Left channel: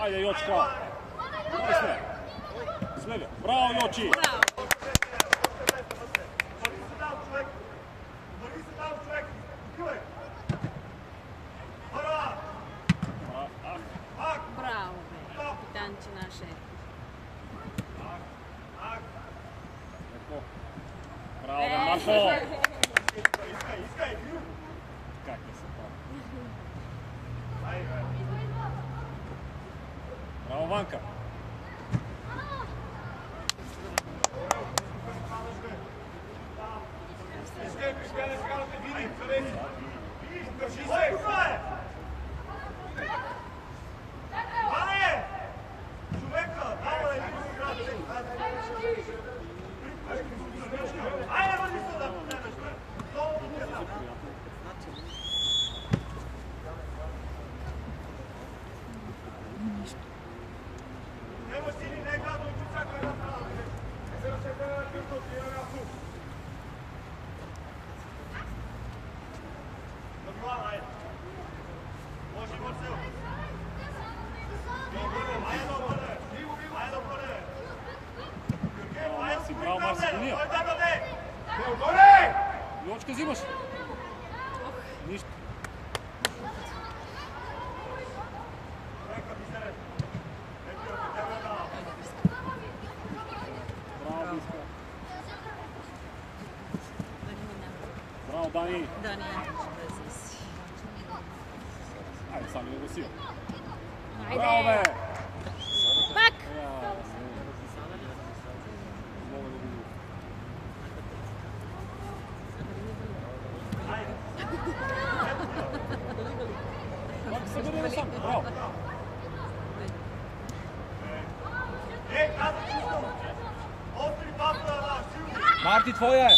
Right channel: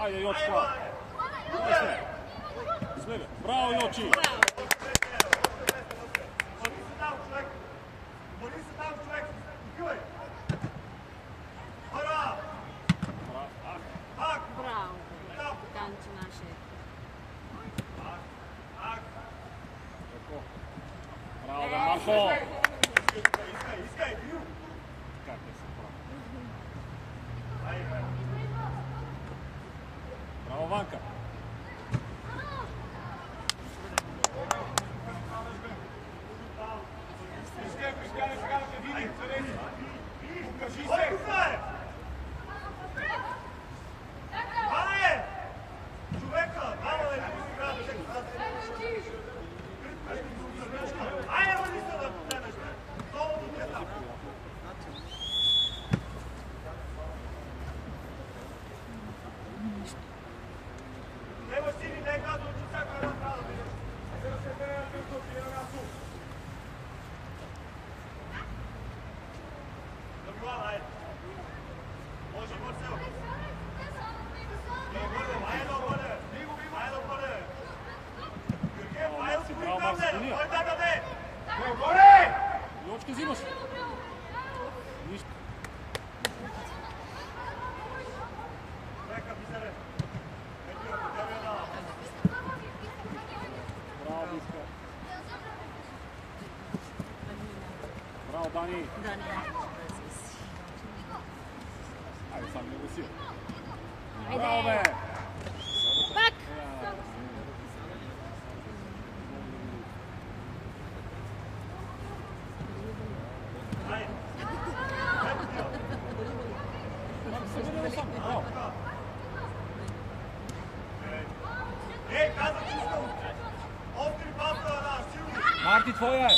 Ajde, Jočka. Sve ga. Bravo, Joči. Bravo, kapitanče naše. Bravo, Marko. Kakve se pravo. Bravo, Vanka. Jočka, zimaš? Ništa. Bravo, Dani. Ajde, sami nego si. Bravo, be! Pak! Marti, tvoja je!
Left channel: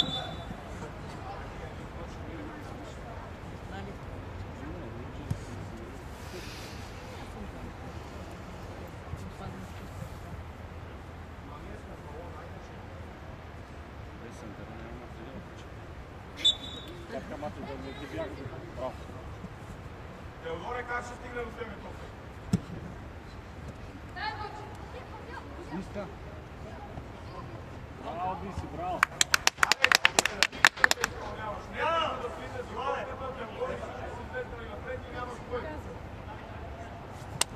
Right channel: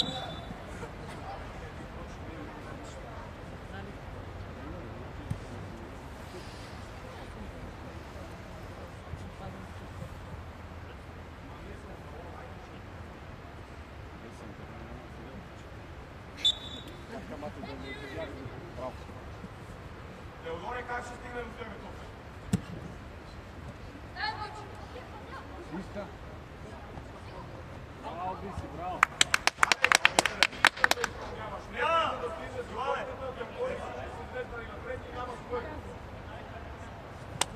Теодоре, как ще стигне до тебе тук? Иска. Браво, Биси, браво.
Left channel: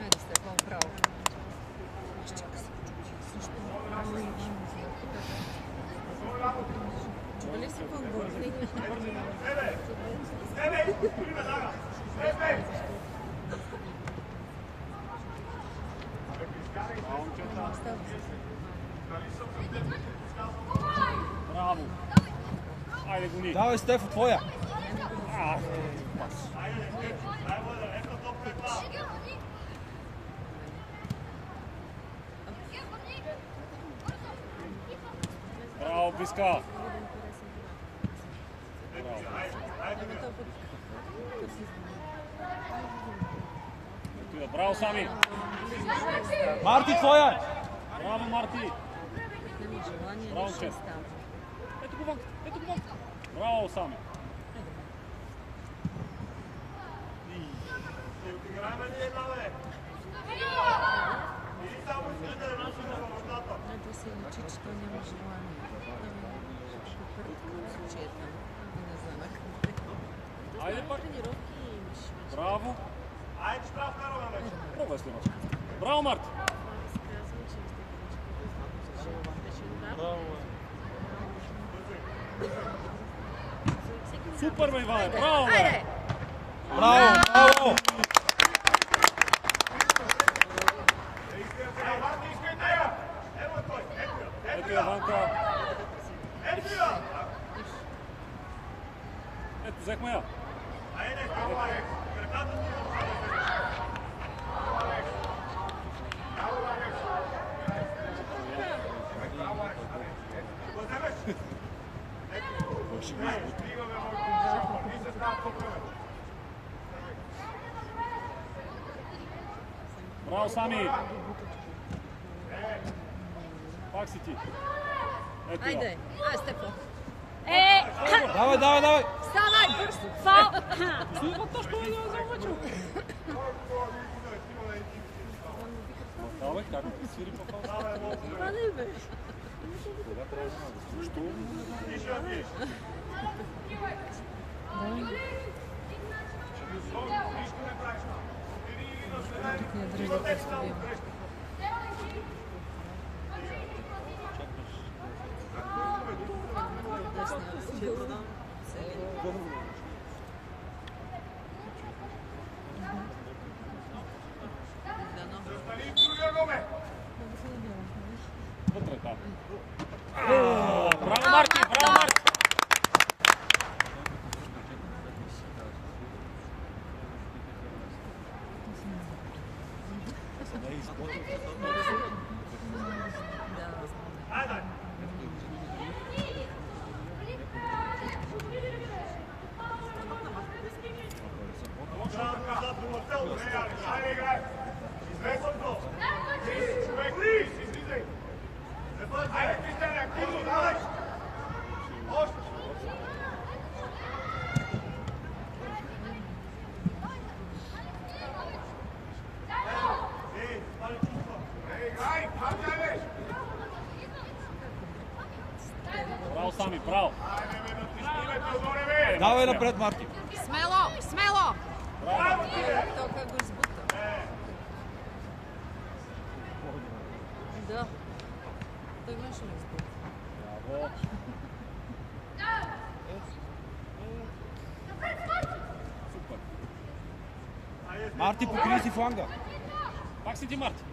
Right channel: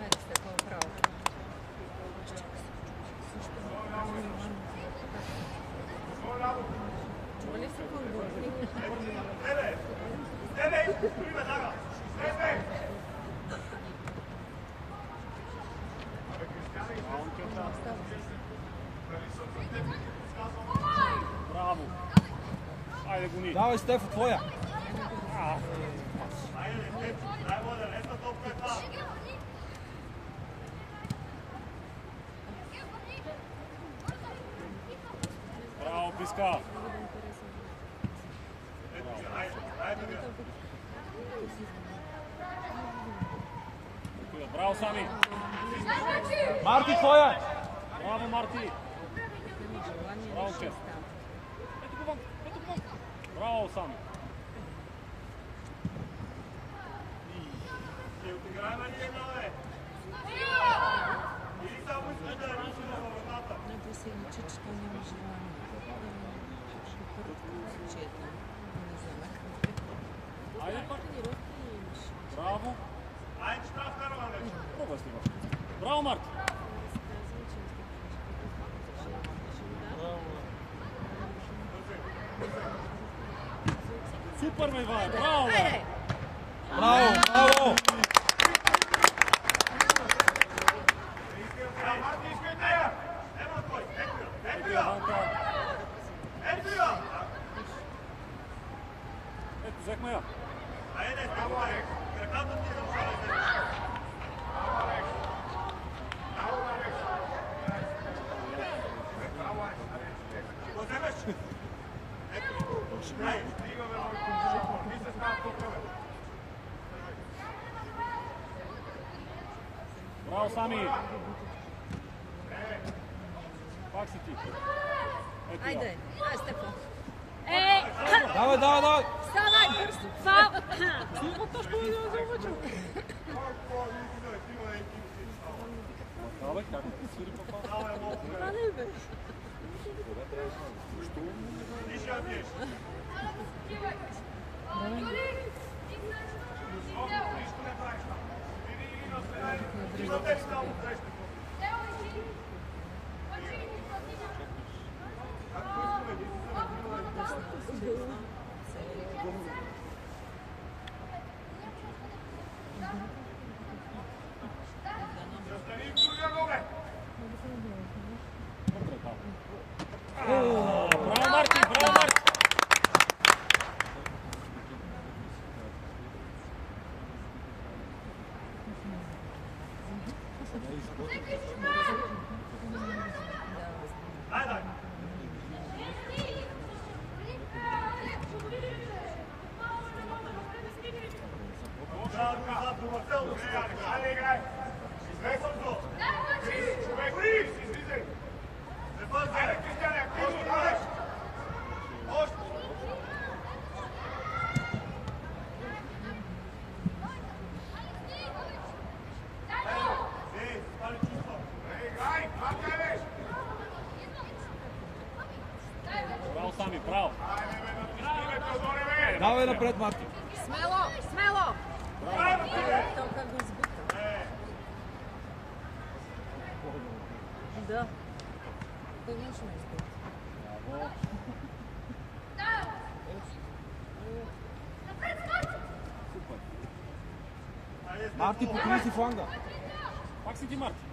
Ajde ste kao pravo. Čuvali se kulburni. Bravo. Ajde, Guni. Давай, Стефо, твоя! Браво, Биска. Браво, Сами. Марти, твоя! Браво, Марти. Браво, Чест. Браво, Сами. Отиграем ли една, бе? Или само искаш да я рушим на вратата? Най-после личи, че той няма желание. Айде пак. Браво. Айде, штраф караме вече. Пробвай снимаш. Браво, Марти. Супер, ме, Иване. Браво, бе. Браво, браво! Ето я, Ванка. Ето я! Сами! Как си ти? Ето я. Айде, ай, Стефо. Давай, давай, давай! Ставай! Фал! Абе, как да свири по това? Защо? Вътре, да. Браво, Марти! Браво, Марти! Браво, Сами, браво! Давай напред, Марти! Смело, смело! Браво! То как го избута. Да. Той не ще ме избута. Браво! Супер! Марти, покри си фланга! Как си ти, Марти?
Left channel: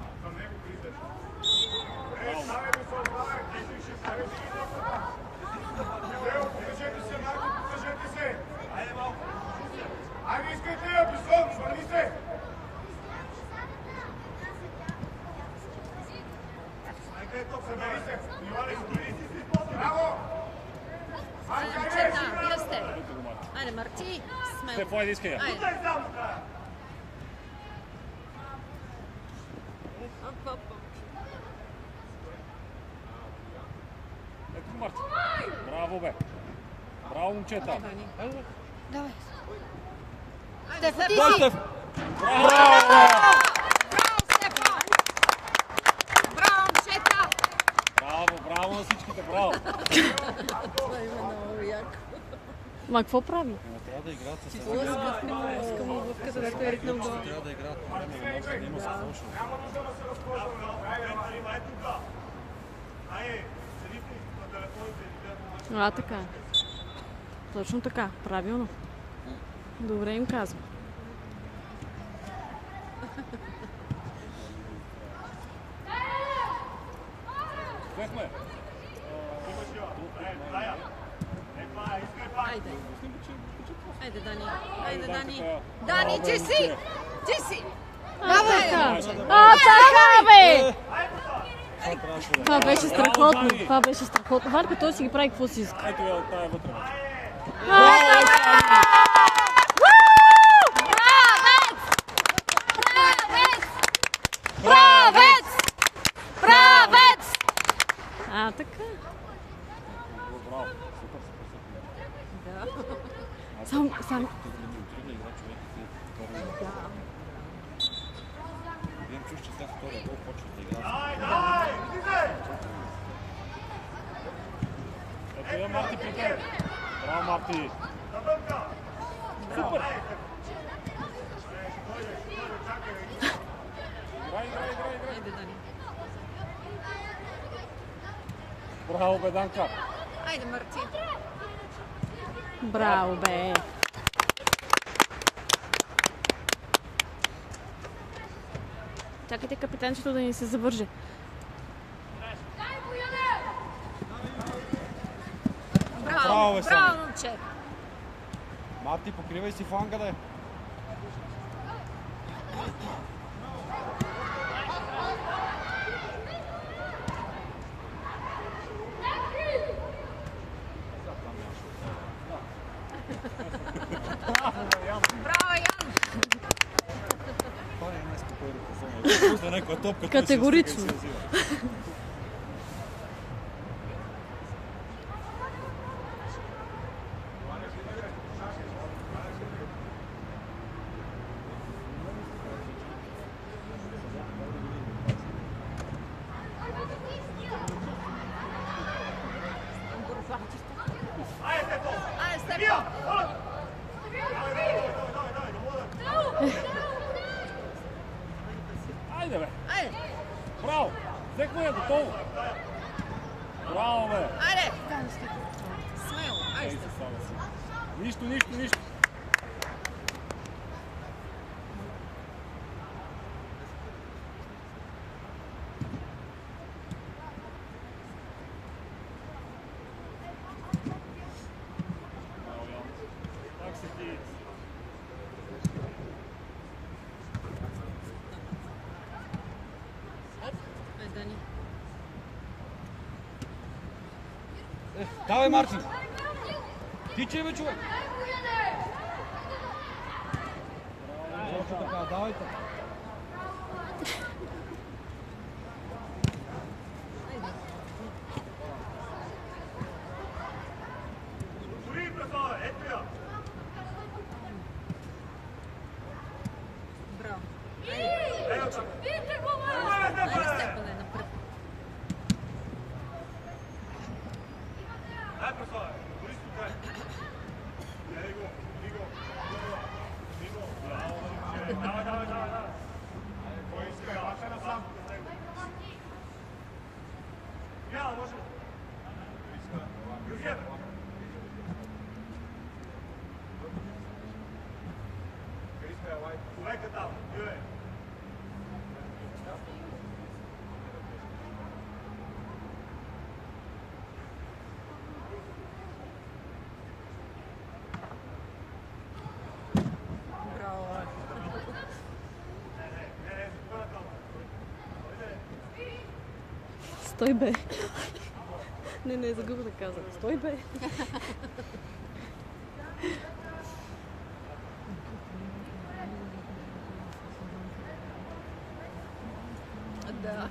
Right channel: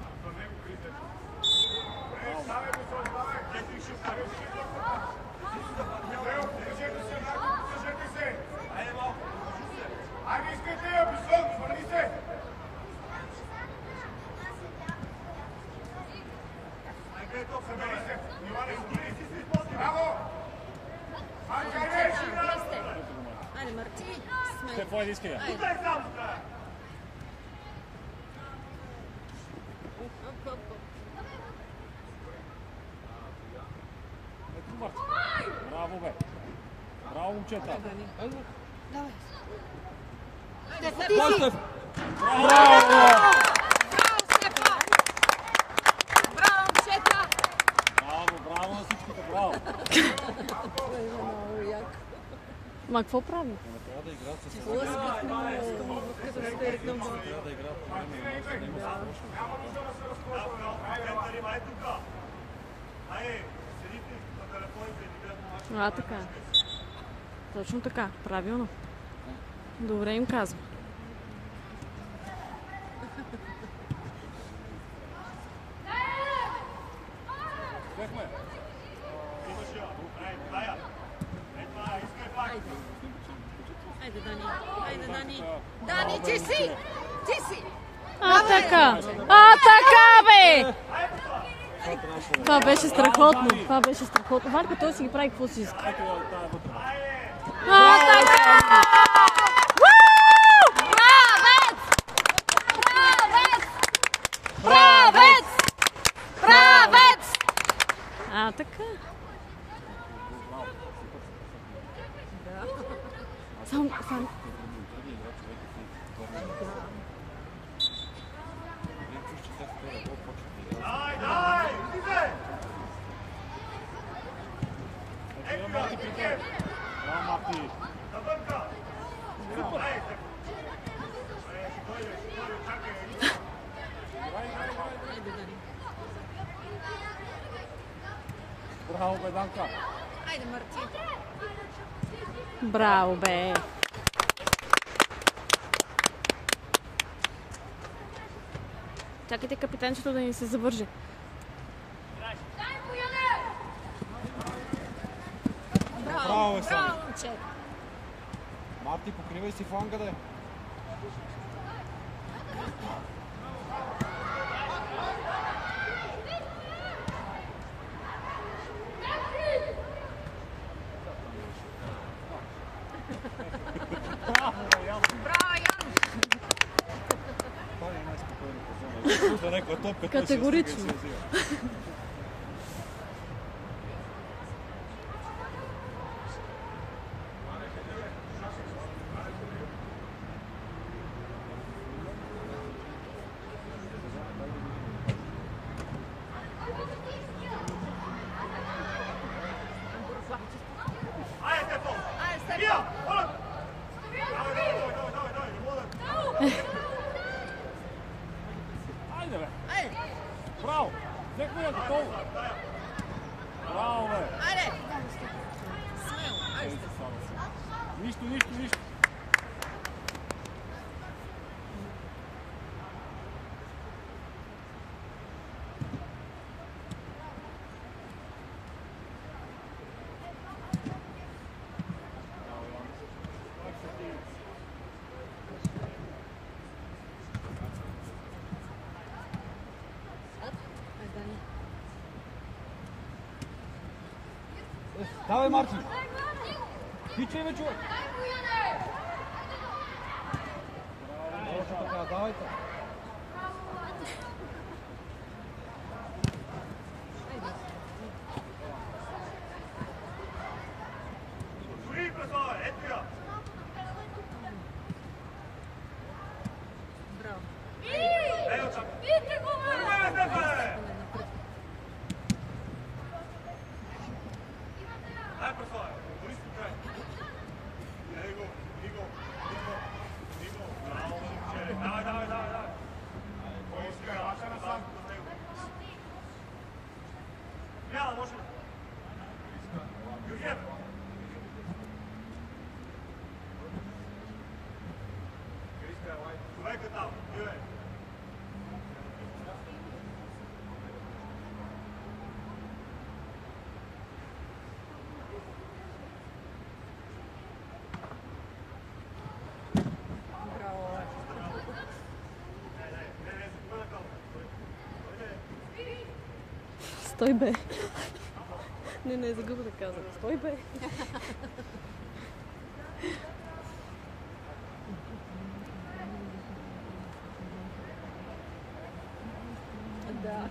Айде, искате я, Бислон, свърни се! Браво! Момчета, вие сте. Айде, Марти, сме. Стефо, айде, искай я. Айде. Оп, оп, оп. Ето, Марти. Браво, бе! Браво, момчета! Давай. Айде, Стефо, ти Бой, си! Стеф! Браво! Браво, Стефа! Браво, момчета! Браво, браво на всичките, браво! Ма какво прави? Трябва да играят с Трябва да играят. Няма нужда да се разползваме. Айде тук. Айде, седите на телефоните и гледат. Така. Точно така. Правилно. Добре им казвам. Поехме! Имаш я. Тая. Това е, искай пак. Айде. Айде, Дани. Айде, Айде, Дани. Данка. Дани, ти си! Ти си! Така! Така, бе! Това беше страхотно. Това беше страхотно. Варка, той си ги прави какво си иска. Ето я, тая вътре. Така! Правец! Правец! Правец! Правец! Така. Сам. Дай, излизай! Ето я, Марти, при теб. Браво, Марти! Забърка! Супер! Ще дойде, чакай. Играй, играй, играй, играй! Айде, Дани. Браво, бе, Данка! Айде, Марти. Браво, бе! Чакайте капитанчето да ни се завърже. Браво, бе, Сами. Браво, момче. Марти, покривай си фланга, да е. Браво, Ян. Той е най-спокойно. някаква топка. Категорично. Айде, бе! Браво! Взехме я готово! Браво, бе! Айде! Нищо, нищо, нищо! Давай, Марчин! Тичай, бе, човек! Давайте! Стой, бе. Не, загуба да казвам. Стой, бе. Да.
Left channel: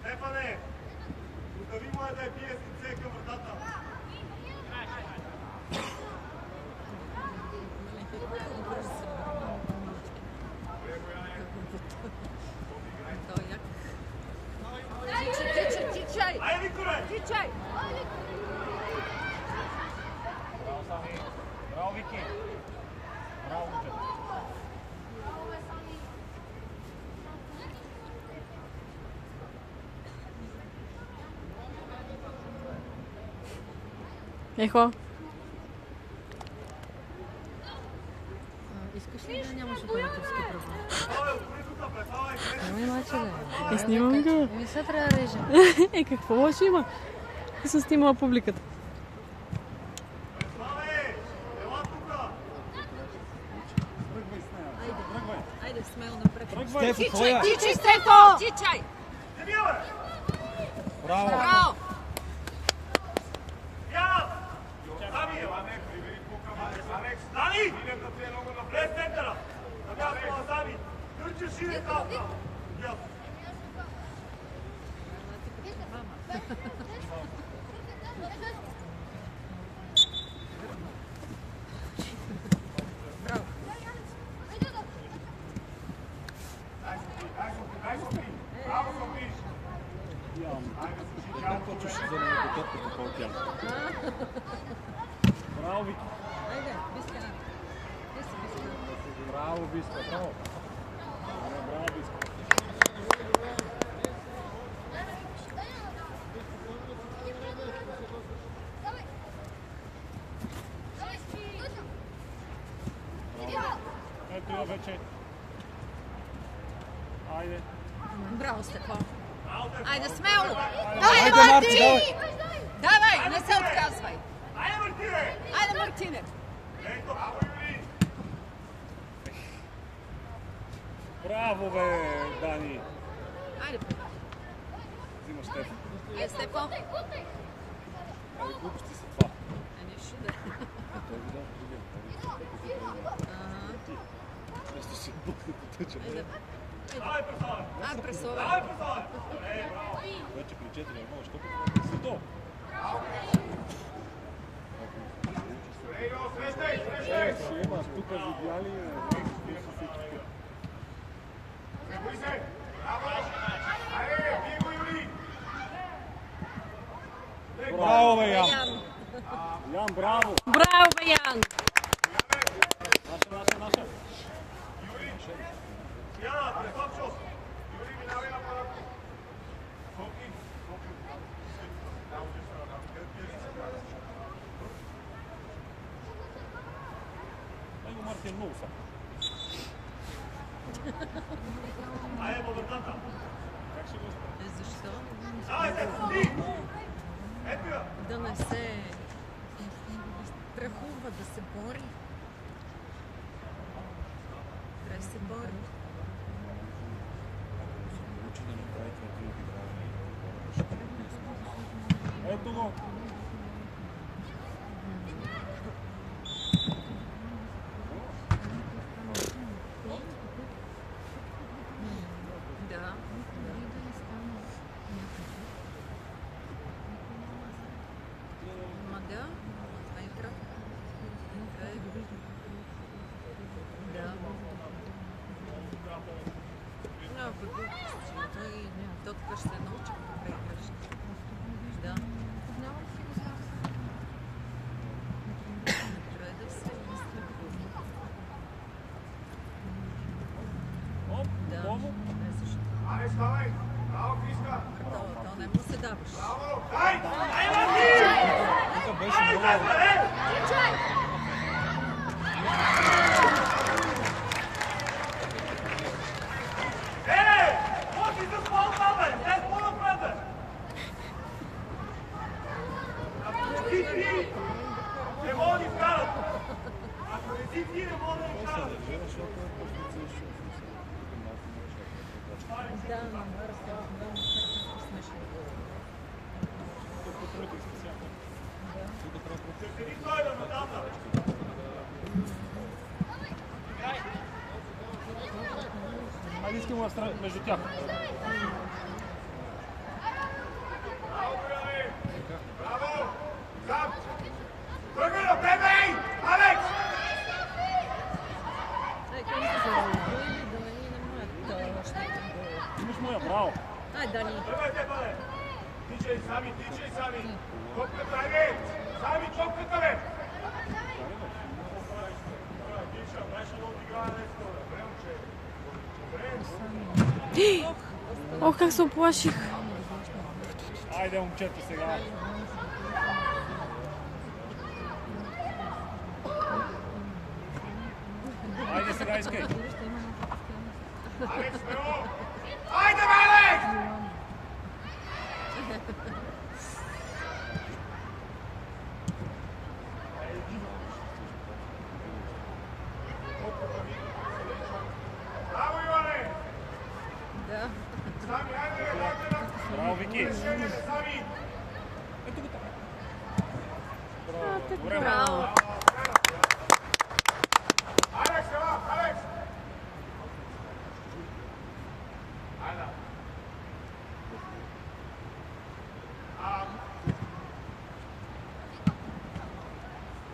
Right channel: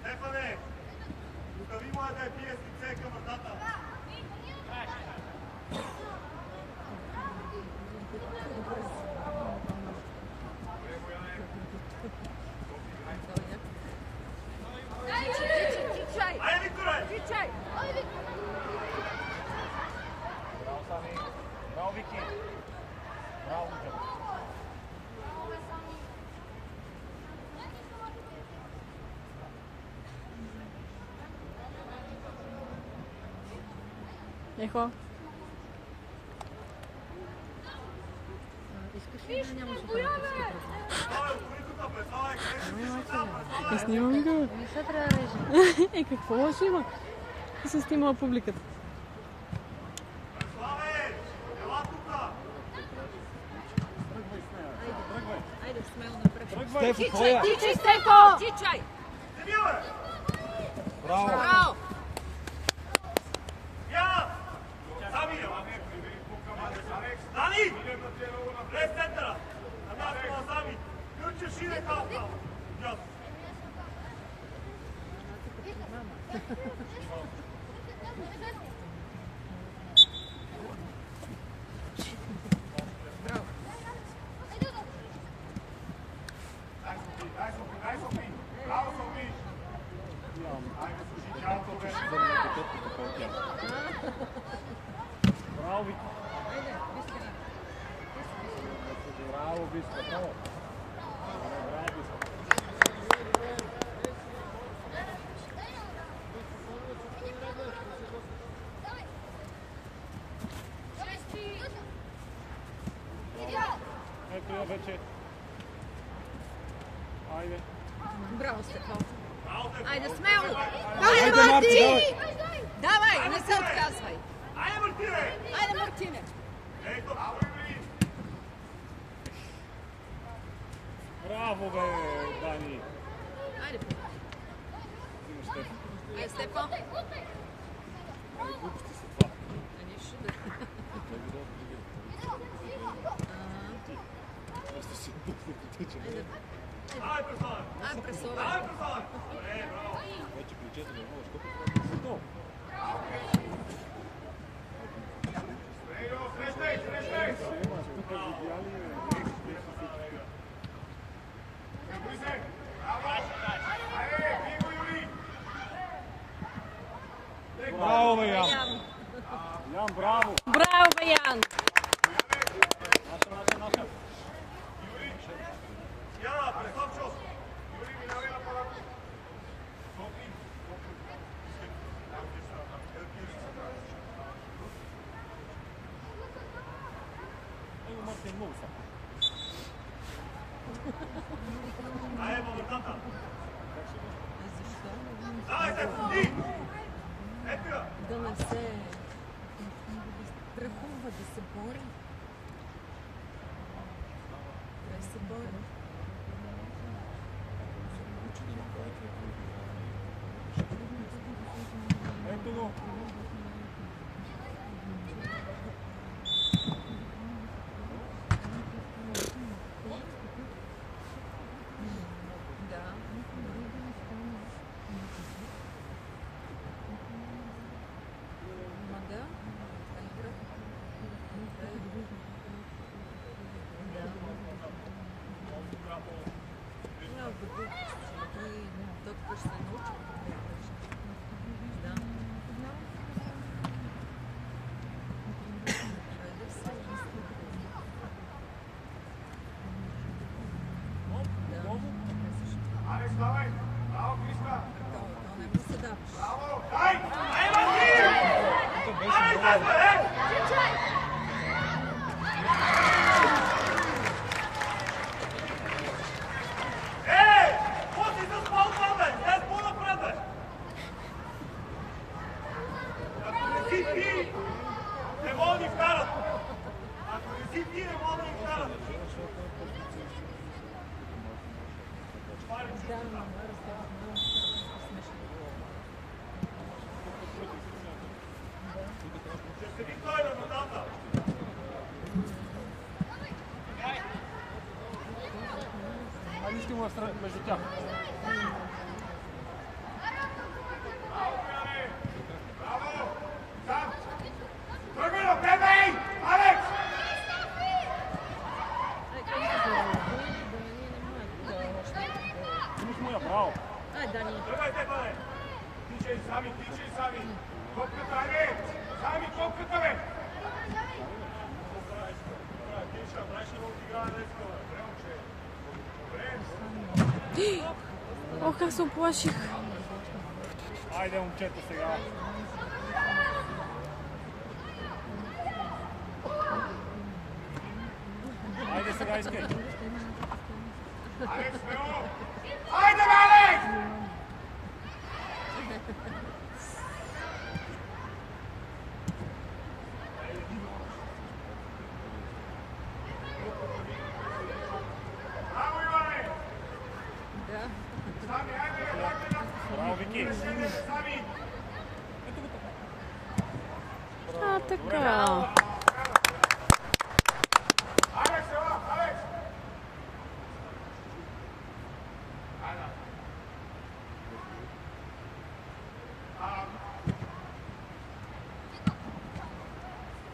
Стефане, остави му да бие сице към вратата. Тичай! Айде, Викторе! Тичай! Браво, Сами! Браво, Вики! Браво, Вики! Ехо. Искаш ли да нямаш оперативска програма? Снимам го. Сега трябва да режем. Какво лошо има? И се снимала публиката. Айде, смело напред. Стефи, твоя! Тичай, Стефо! Тичай! Браво! Браво! Дани! Влез центъра! На място на Сами! Тръча шире талка! Ясно! Дай Софи! Браво, Софи! Айде, слушай, чалко, бе! Браво, Вики! Айде, Бискара. Ти си Бискара. Браво, Биска! Браво! Браво, Биска! Ето я вече. Айде. Браво, Стефан. Айде, смело! Айде, Марти, давай! Давай, не се отказвай! Айде, Мартине! Айде, Мартине! Ето, Браво, бе, Дани! Айде, Ajde, Stepo. Ali gluposti su dva. A ništa da. To je video drugi. Nešto se buknu potuče. Ajde, presovaj. Hoće pričeti da malo što kako se to. Ima stupa zidjalije. Bravo, Jan. Jan, bravo. Bravo, Jan! Ajde, Bogotata. Zašto? Ajde, ti! Epira! Da ne se strahува да се бори. Да се бори. Ето го. Да. Мага. Айкра. Много глупости. Той доктор се научи какво правиш. Да. Трябва да се разследва. Да. Защо? Ajde, stavaj! Bravo, Kriska! То не го се даваш. Bravo! Daj! To беше много. Ej! Moći se spol napred! Gdje smo napred? Ako ne si ti, ne mogu ni vkarat. Ako ne si ti, ne mogu ni vkarat. Да, разговор много смешно. Къде той е на водата? Айде искам между тях. Браво, Браво! Браво! Сам! Тръгай на тебе, ей! Алекс! Браво. Ай, Дани. Тръгайте, бъде! Тичай сами, тичай сами! Топката, айде! Сами топката, бе! Тича, дайше да отиграе нещо. Добре, момче. Добре. Ох, как се оплаших! Айде, момчета, сега. Айде сега, искай. Алекс, смело! Айде, бе, Алекс! Браво, Иване! Да. Сами, айде, айде! Браво, Вики. Сами! А, така. Алекс, ела, Алекс! Ана.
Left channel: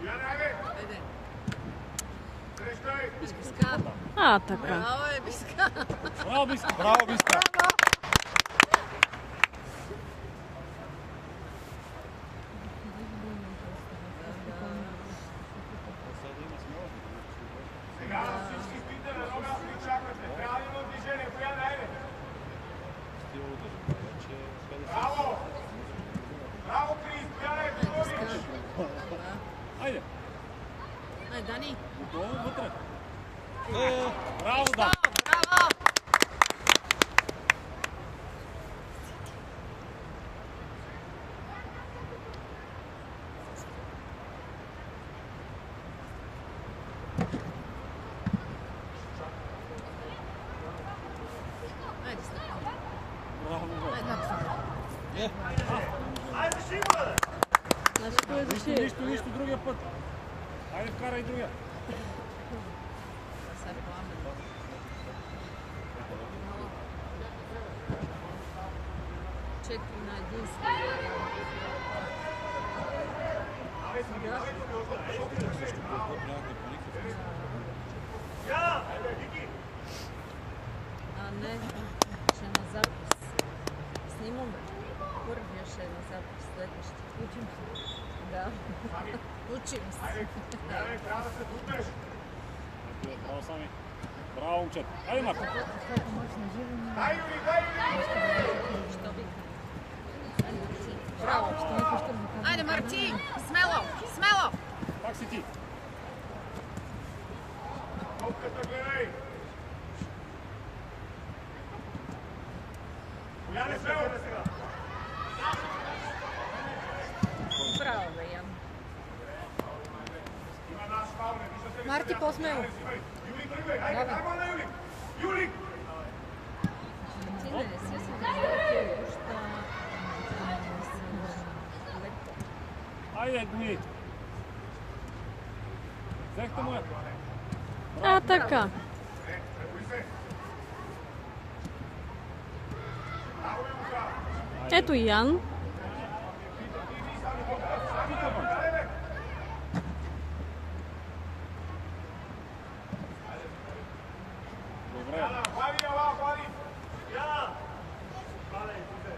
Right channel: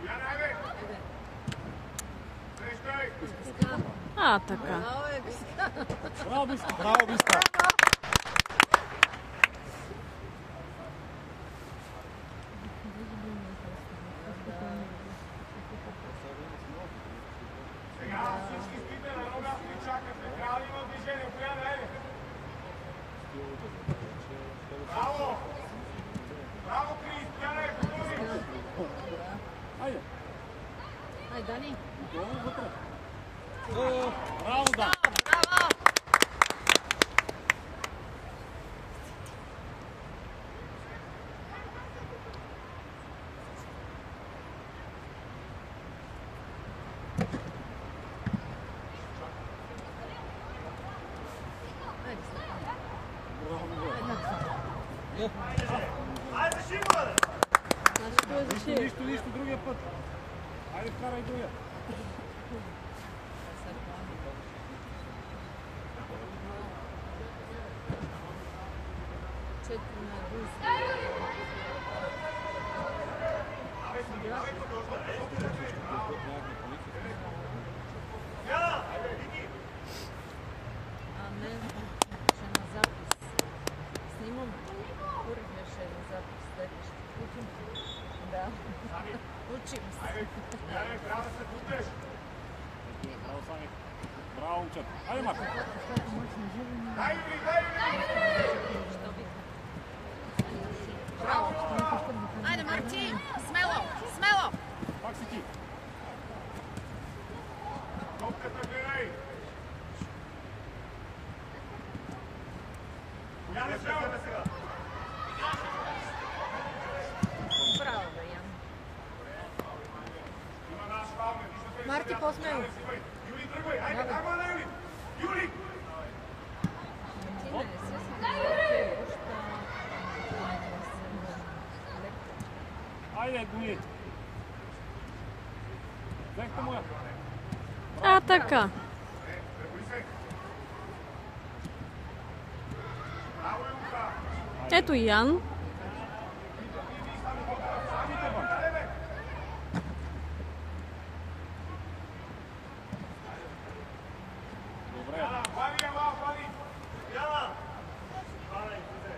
Яна, айде! Айде. Крещай! Биска. А, така. Браво е, Биска. Браво, Биска. Браво, Биска. Сега всички спите на нога и чакате. Трябва да има движение. Коя да айде? Браво! Браво, Крис! Бягай, Тодорич! Айде. Ай, Дани. Долу вътре. Браво, да. Браво! Айде, Стефан. Браво, Айде, Стефан. Айде, Шимон! Значи кой е защит? Нищо, другия път. Айде, вкарай другия. Четири на един. А не, ще на запис. Снимаме. Първия ще е на запис, следващия. Учим се. Да. Учим се. Трябва да се дутеш! Браво, Сами. Браво, момчета. Айде, Марко. Дай, Юли, дай, Юли! Що вика? Браво, що викаш към микрофона? Айде, Марти! Смело! Смело! Пак си ти. Топката гледай! Бояне, смело бе сега! Браво, бе, Ян. Има наш фаул, не виждате ли? Марти, по-смело. Юли, тръгвай! Айде, хаймо на Юли! Юли! Ти не си се Айде, дни. Взехте му. А, така. Преболи се! Браво, Юлка! Ето и Ян. Добре. Хвали, ела, хвали! Яна! Хвали, иде!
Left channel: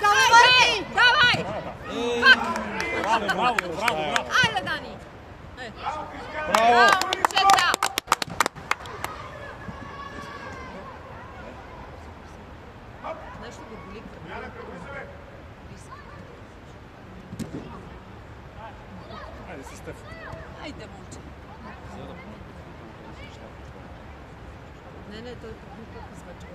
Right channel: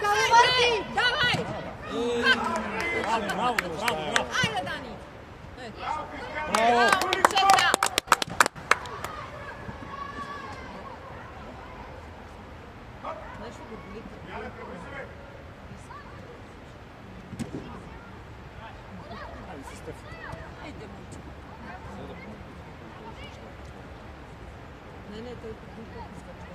Давай, Марти! Давай! Браво. Айде, Дани! Браво. Браво, момчета! нещо го боли. Яна, преболи се! Айде си, Стеф. Айде, момче. Не, той подбука казва, че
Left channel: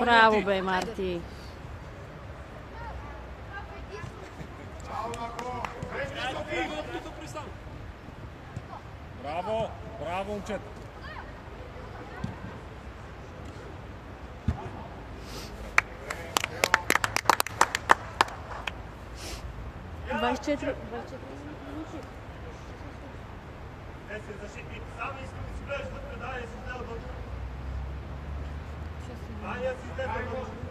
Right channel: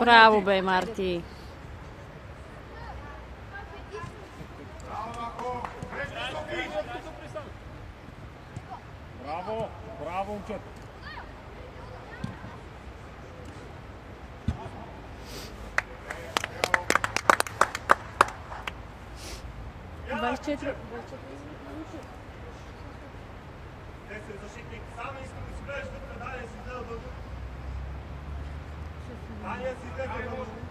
Браво, бе, Марти. Браво, момчета. Двадесет четири. Те се защитник. Само искам да си гледаш вътре, дай да си гледа вътре. Дай да си гледа вътре.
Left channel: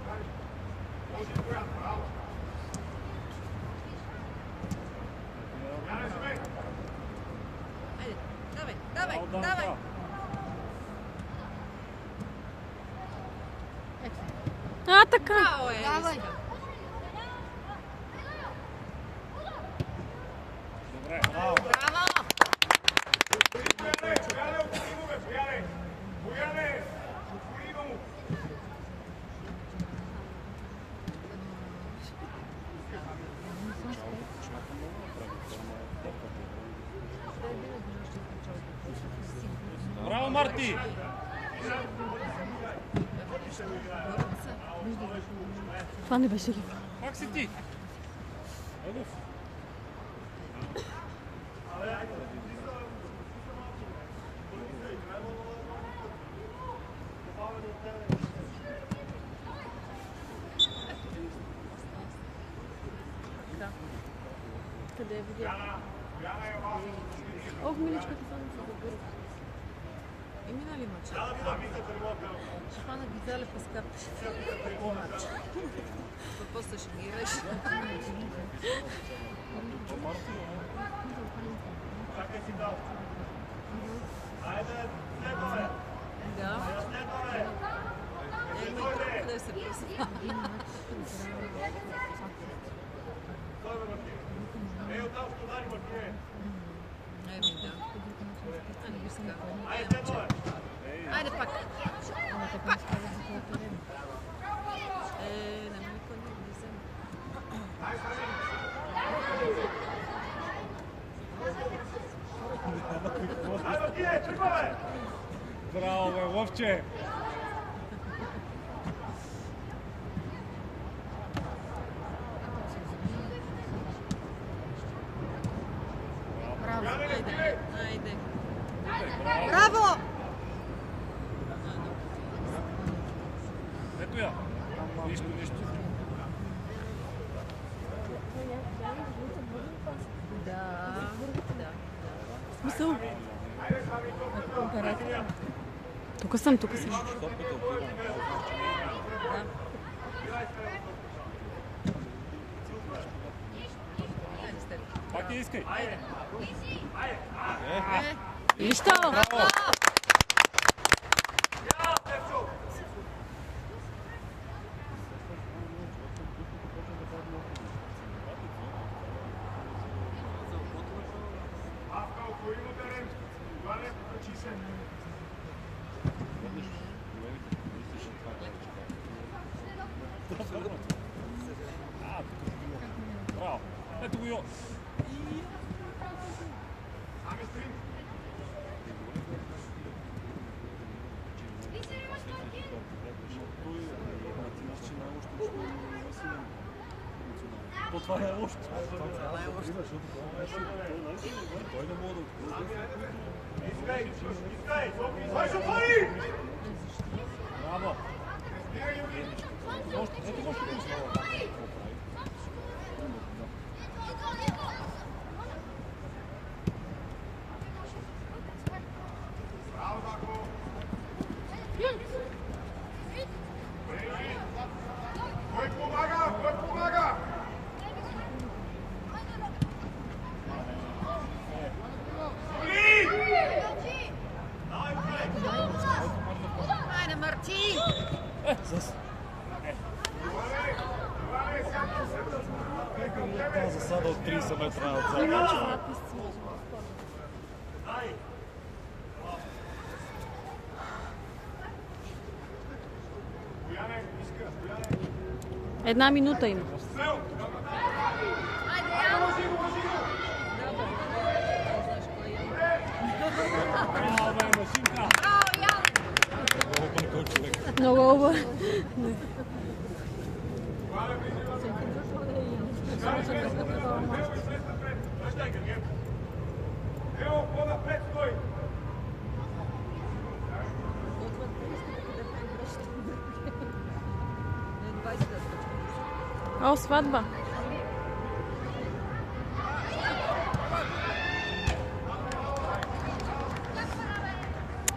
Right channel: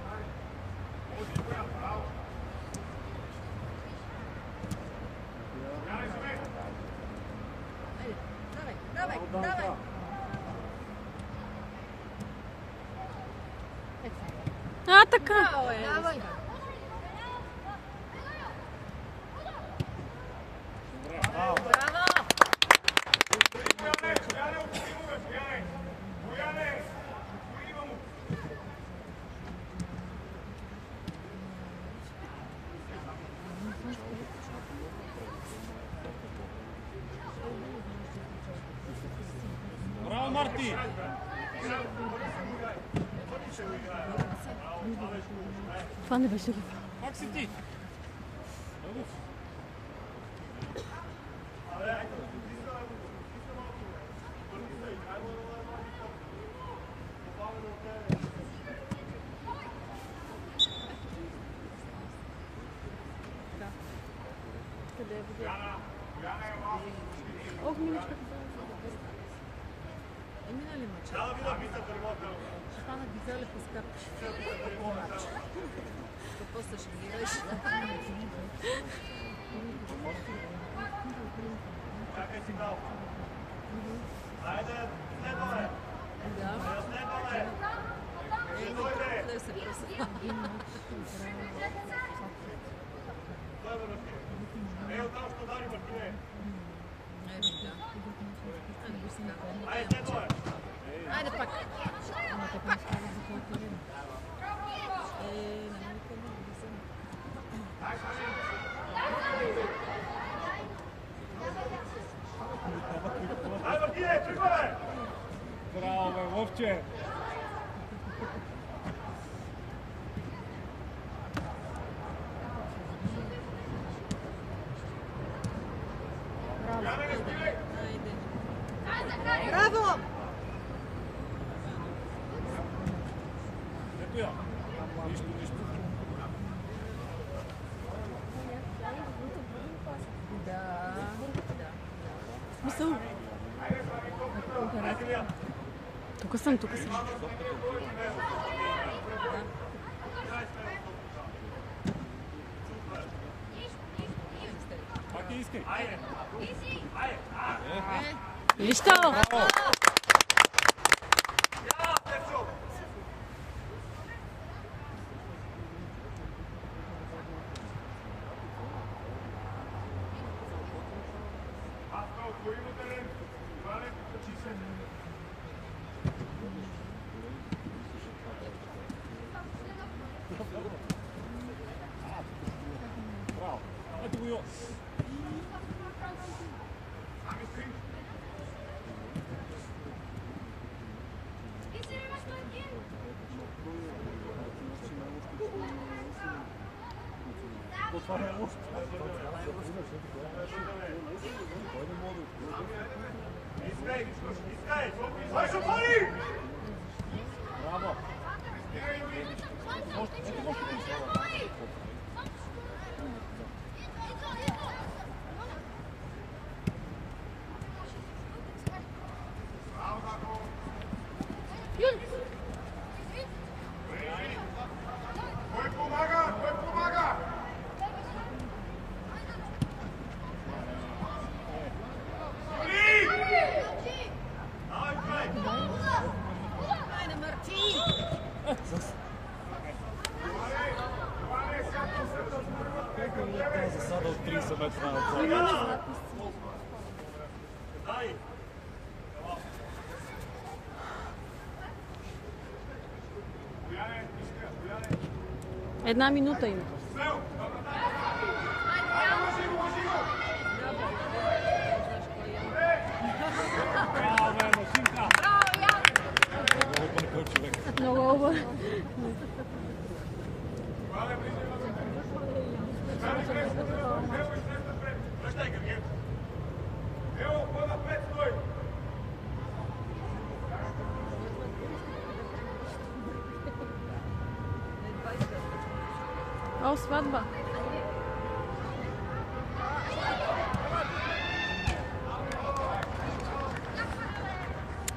Давай, давай. А, така. Давай. Добре. Браво! Браво, Марти. Това не беше ли? Пак си ти. Къде я видя? Ох, миличката. Мина ли момче? Да, видя пистата ремонта. Ще фана бизали по скапче. Какво се шмираш? Как е си дал? Айде, следваме. Да. Следваме. Не си просто. Следва, Мартин. Ей, оттам ще удари, Мартине. Не, да. Айде, следваме. Айде пак! Не ме никой не влизам. Браво, бе, Вовче! Браво, айде, айде. Браво! Ето я. Нищо. Да. Смисъл? Тук съм. Пак я искай. Нищо! Браво. Ето го. Това е още. Искай! Вършо, пари! Кой помага? Айде, Марти! Тази засада от 30 метра отзад. Една минута има. Много хубаво. О, сватба.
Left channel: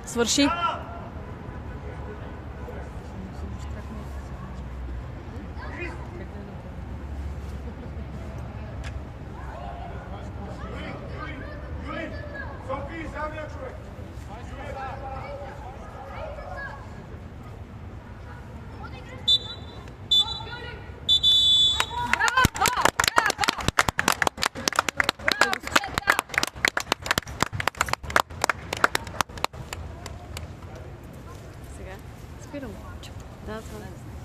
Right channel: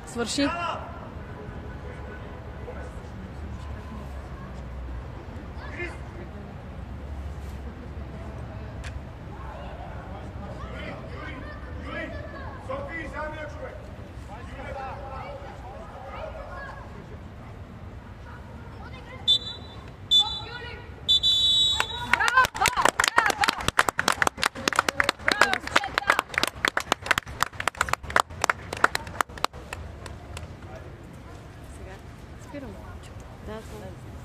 Свърши. Софи, самия човек! Спирам. Да, това.